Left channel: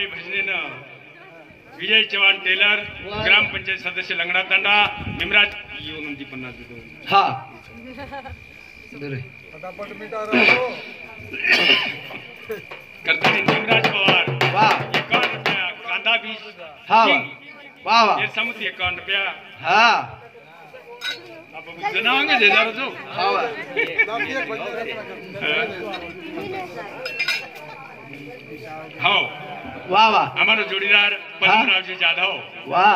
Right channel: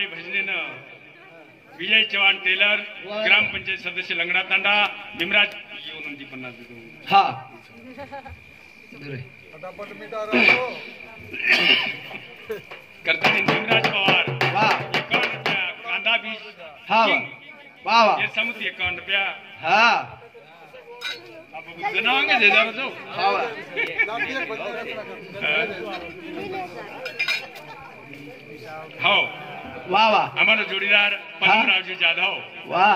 हमारे भजनेनं विजय चव्हाण टेलर ग्रामपंचायत सदस्य लंगडा तांडा निमराज येऊन ती 50 देतो. हा करताना निमराज पवार वा 51 रुपया कांदा बीज हा वा वा वा हे समुद्र 51 रुपया हा आपण जनावांगे देणार होतो. हा वा हो वा वा हमारा जोड़ीदार पद्मरावजी जाधव वा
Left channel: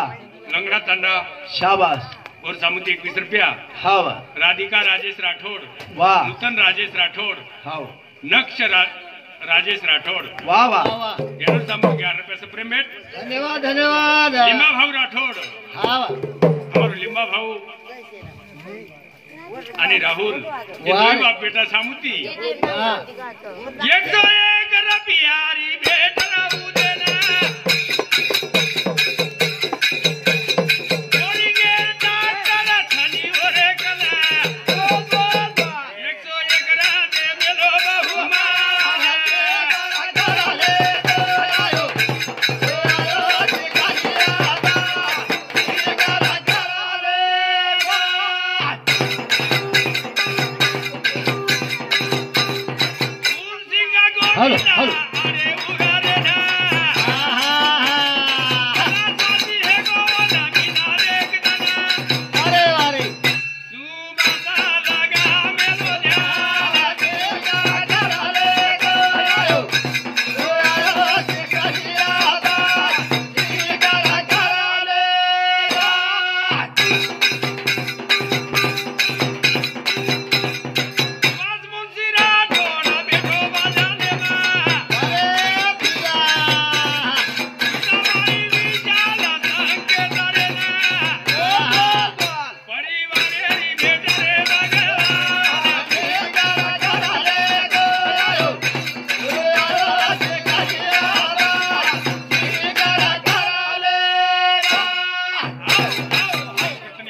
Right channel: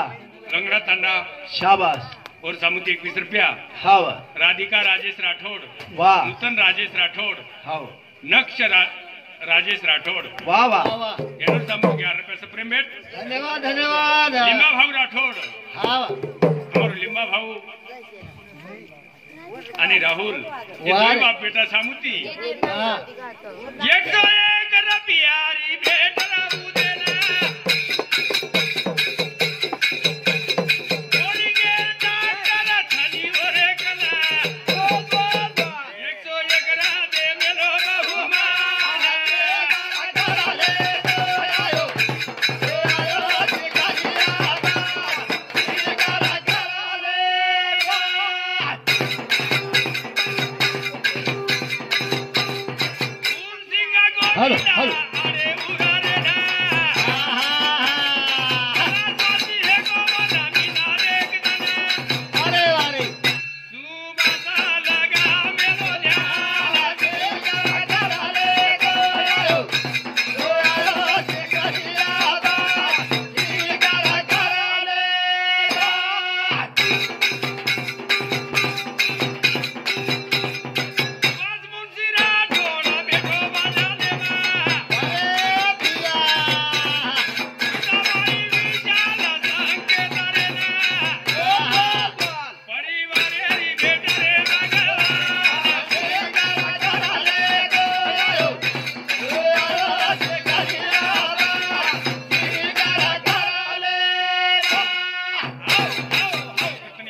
लंगड़ा तांडा शाबाश और सामुद्री 21 रुपया. हा वा राधिका राजेश राठौड़ वा नूतन राजेश राठौड़ हा नक्ष राजेश राठौड़ वा वा यानं सामुद्री 11 रुपया सप्रेम भेट. धन्यवाद धन्यवाद लिंबा भाऊ राठौड़ हा वा और लिंबा भाऊ आणि राहुल हे वा. दोन्ही बाप बेटा सामुद्री हा 101 रपियारी भेट राहू दे ना. कोणी गेला त्याला छानीवर कला. 101 राजे मेलो बहुमान. फूलसिंगा हॅलो, गोविंदा हॅलो. अरे उगारे ना. साथी हे गोवाला मिनारे गना. अरे अरे सुबासा लगा मेलो न्या. आज मुंशी राठौड़ बेटो बाजाने मा. समाई विचाला संकेतारे ना. परिवारेरी भेट रे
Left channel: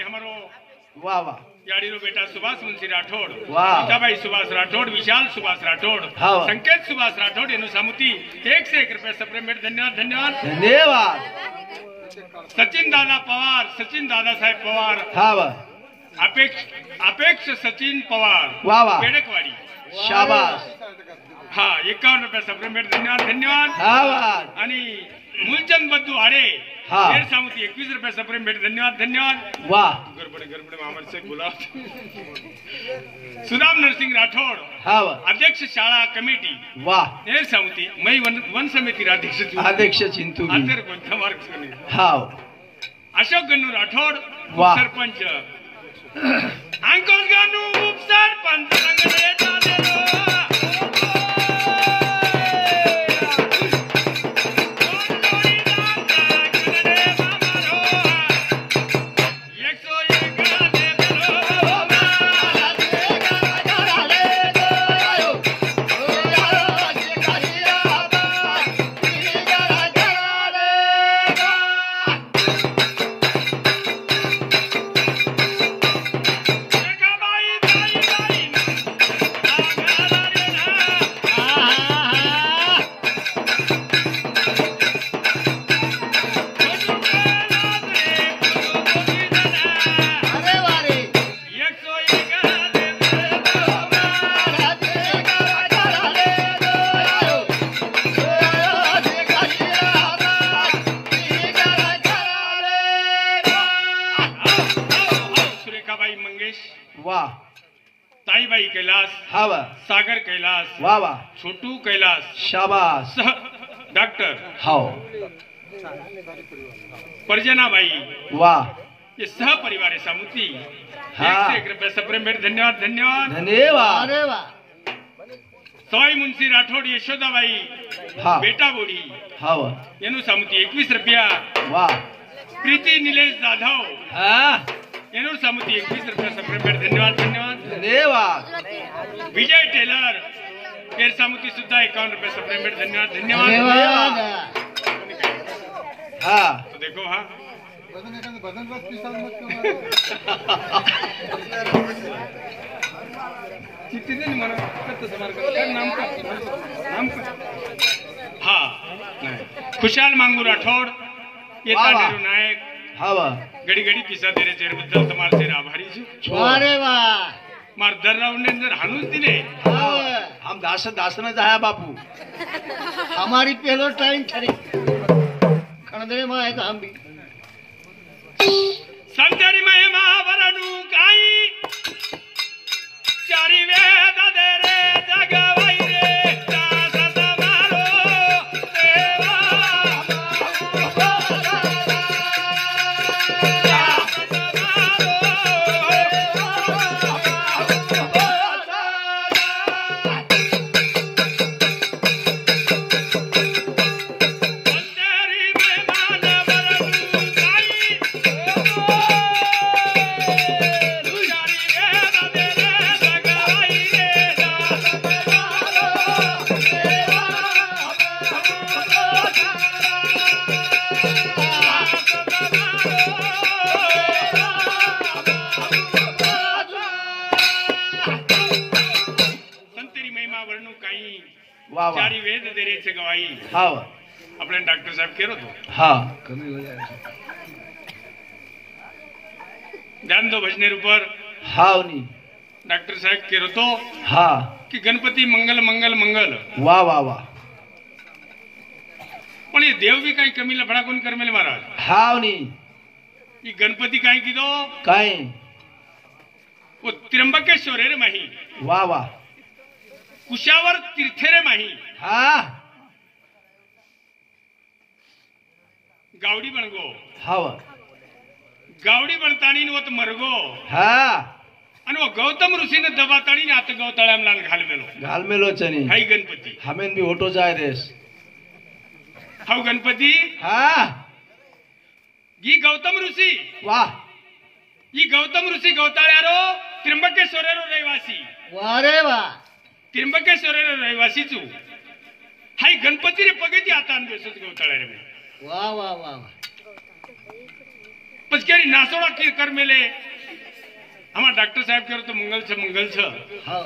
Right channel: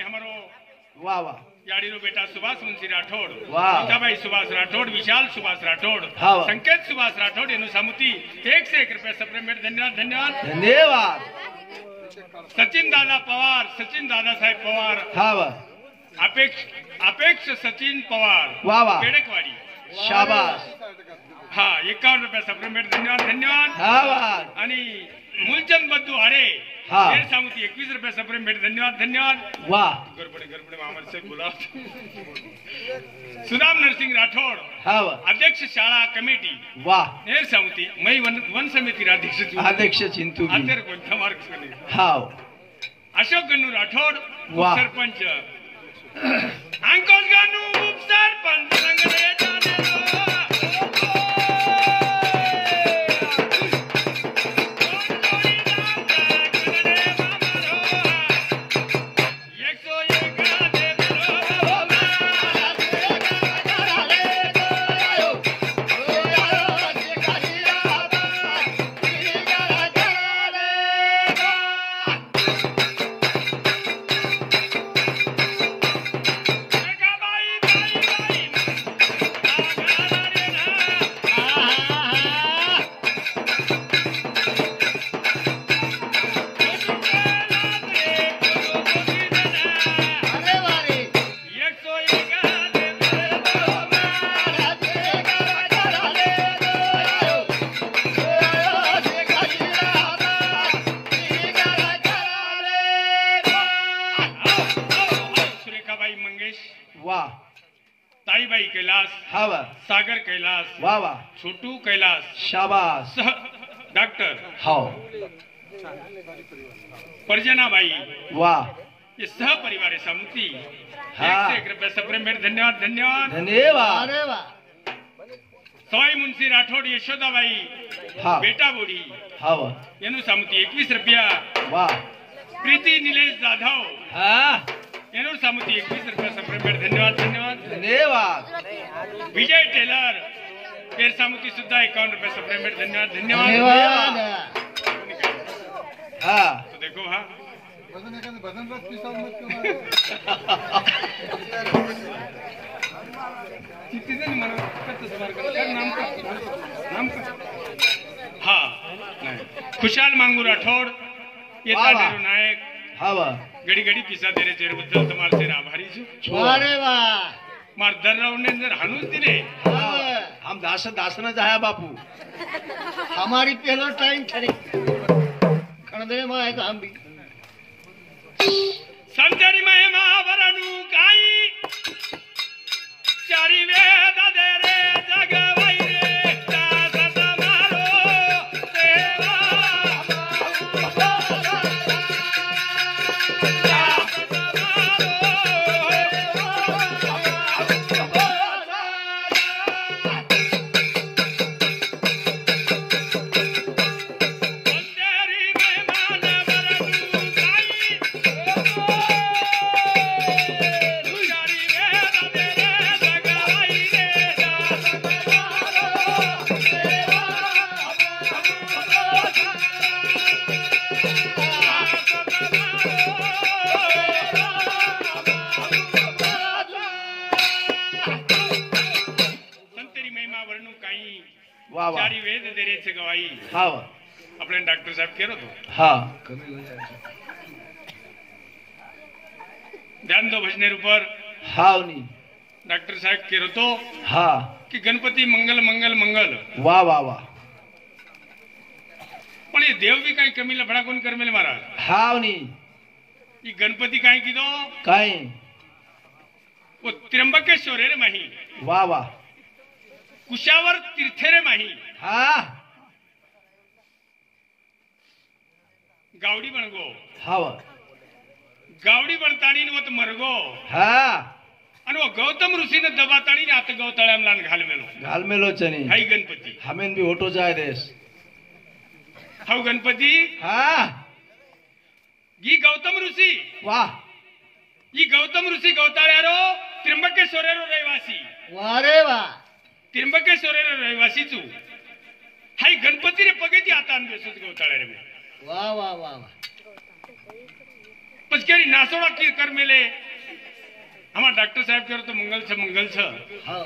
हमारो वा वा याडीनो बेटा सुभाष मुंशी राठौड़ वाह. मीठाबाई सुभाष राठौड़ विशाल सुभाष राठौड़ हाँ, वाह. संकेत सुभाष राठौड़ एनु सामुती 1 से 1 रुपया सप्रेम भेट. धन्यवाद धन्यवाद. धन्यवाद सचिन दादा पवार सचिन दादासाहेब पवार हा वा अपेक्ष सचिन पवार वाह, वाह. केडकवाडी शाबाश हा 51 रुपया सप्रेम भेट. धन्यवाद धन्यवाद. हा वा आणि मूलचंद बद्दू आरे हाँ. शेर सामुती 21 रुपया सप्रेम भेट. धन्यवाद धन्यवाद. वा गडबडे मामल से बोला. सुदाम नरसिंह राठौड़ हा वा अध्यक्ष शाळा कमिटी वा हेर सामुती मै वन समिती अध्यक्ष अध्यक्ष चिंतू अंतर कोणता मार्ग हाव अशोक गन्नू राठौड़ वाह. सरपंच अंकुश गन्नू उपसरपंच संगले जानेलो. वाह ताईबाई कैलास हा वा सागर कैलास वाह वाह छोटू कैलास शाबाश सह डॉक्टर हाव परजनाबाई वाह ये सह परिवार है सामुती हाँ. 1 रुपया सप्रेम भेट. धन्यवाद धन्यवाद. धन्यवाद अरे वा सवाई मुंशी राठौड़ यशोदाबाई हा बेटा बोडी हा वा एनु सामुती 21 रुपया. वाह प्रीति निलेश जाधव हा एनु सामुती 21 रुपया सप्रेम भेट. धन्यवाद धन्यवाद. धन्यवाद विजय टेलर केर सामुती सुद्धा 51 रुपया सप्रेम भेट. धन्यवाद धन्यवाद. धन्यवाद हा तो देखो हाँ भजन हा नाही खुशाल मांगू राठोड येता वा, वा. नेहरू नायक हा वा घडी घडी किस्सा तेरे चेहरे बद्दल तुम्हाला से आभारी छू अरे वाह मार दर रावने जर हाणून दिले हम दासन जाया बापू हमारी पहलो टाइम ठरी खणदे में एक हम भी संतरी महिमा वरनु काई चारी वेद दे रे जगवाई रे दास मारो देवा संतरी महिमा वरनु काई चारी वेद दे रे जगवाई रे संतरी महिमा वर्णू काही वाह वाह चारी वेद देरेचे गवाई हा वा आपल्या डॉक्टर साहेब केलं होतो हा कमी हो जाएगा ध्यान दो भजनेर ऊपर हा नी डॉक्टर साहेब केलं होतो हा की गणपती मंगल मंगल मंगल वाह वाह वाह पण हे देव बी काही कमी लफडा कोण करमेल महाराज हा नी ही गणपती काय किदो काय वो त्र्यंबकेश्वर रे माही वाह वाह कुशावर तीर्थेरे माही हा गावडी बनगो हा वा गावडी बनतानी वत मरगो हा आणि वो गौतम ऋषीने दबातानी आता गौतळ्यामला घाल मेलो घाल मेलो चनी हाई गणपती हमें भी होटो जाए देस हाऊ गणपती हा ही गौतम ऋषी वाह ही गौतम ऋषी गौताळ्यारो त्र्यंबकेश्वरेरो रहिवासी वाह रे वाह त्र्यंबकेश्वरेरो रहिवासी चू हाई गणपती रे पगेती आता बेसत गौताळ्या रे वाह वाह वाह वाह पचकेरी नासोड़ा की कर मेले हमारा डॉक्टर साहब करो तो मंगल छ हा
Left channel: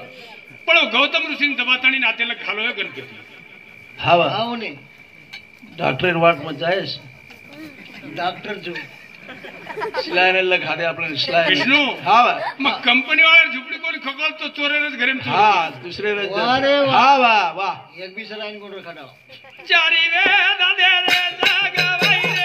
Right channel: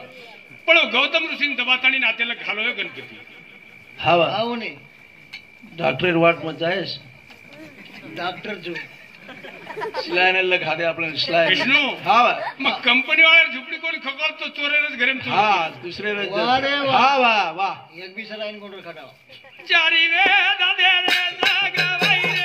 पण वो गौतम ऋषी दबातानी नातेला घालोय गणपती हा वा हाऊ नी डॉक्टर वाट मत जायस डॉक्टर जो सिलायने लगा दे आपल्याला सिलाय विष्णू हा वा मग कंपनी वाला झुपडी कोणी खगल तो चोरेरच घरे में हा दुसरे हा वाह वाह एक भी सलाइन कोण खटाव चारी वेद दे रे जगवाई रे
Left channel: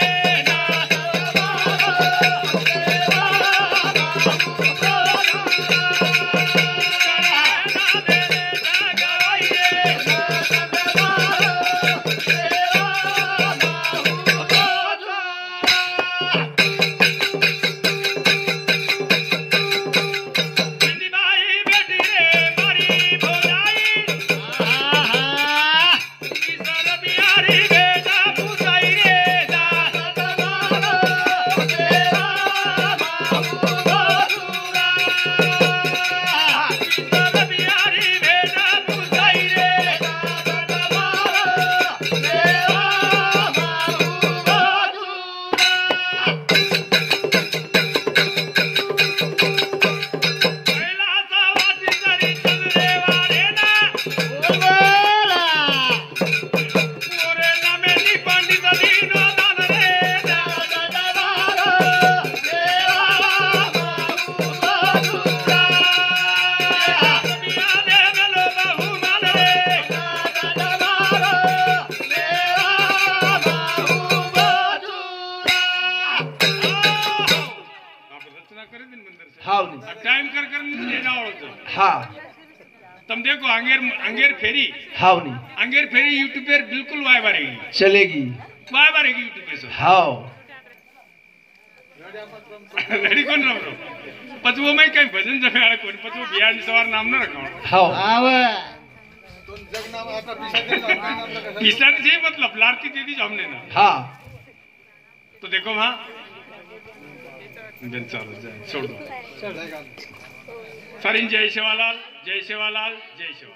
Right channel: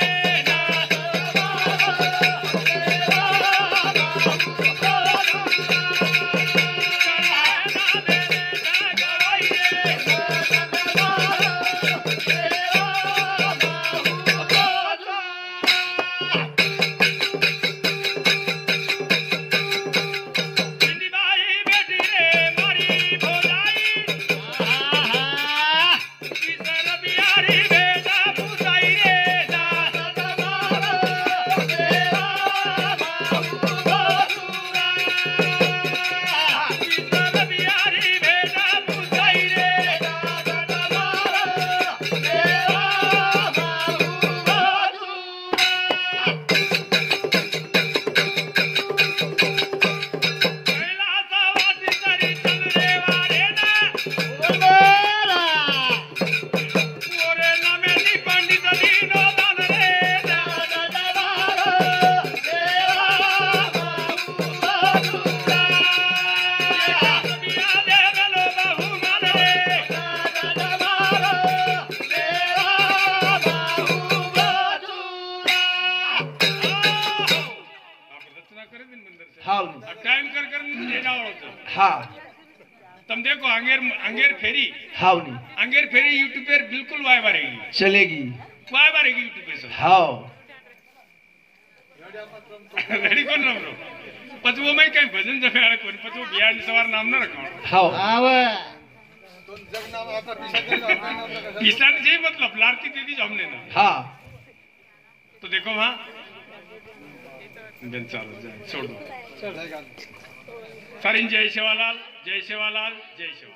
टाइम कर मुझे जाओ हाँ तुम देखो अंगेर फेरी हाँ नहीं अंगेर फेरी यूट्यूब पर बिल्कुल वाय बारेगी चलेगी वाय बारेगी यूट्यूब पे सब हाँ रेडी कौन रहो पचवो में कहीं भजन जमे कौन पचवो बिहार सवार नाम न रखा हाँ तीसरा जी मतलब लारती दे दी हमने ना हाँ तो देखो वहाँ चलो छोड़ दो सरिन जय सेवालाल जय सेवालाल जय सेवा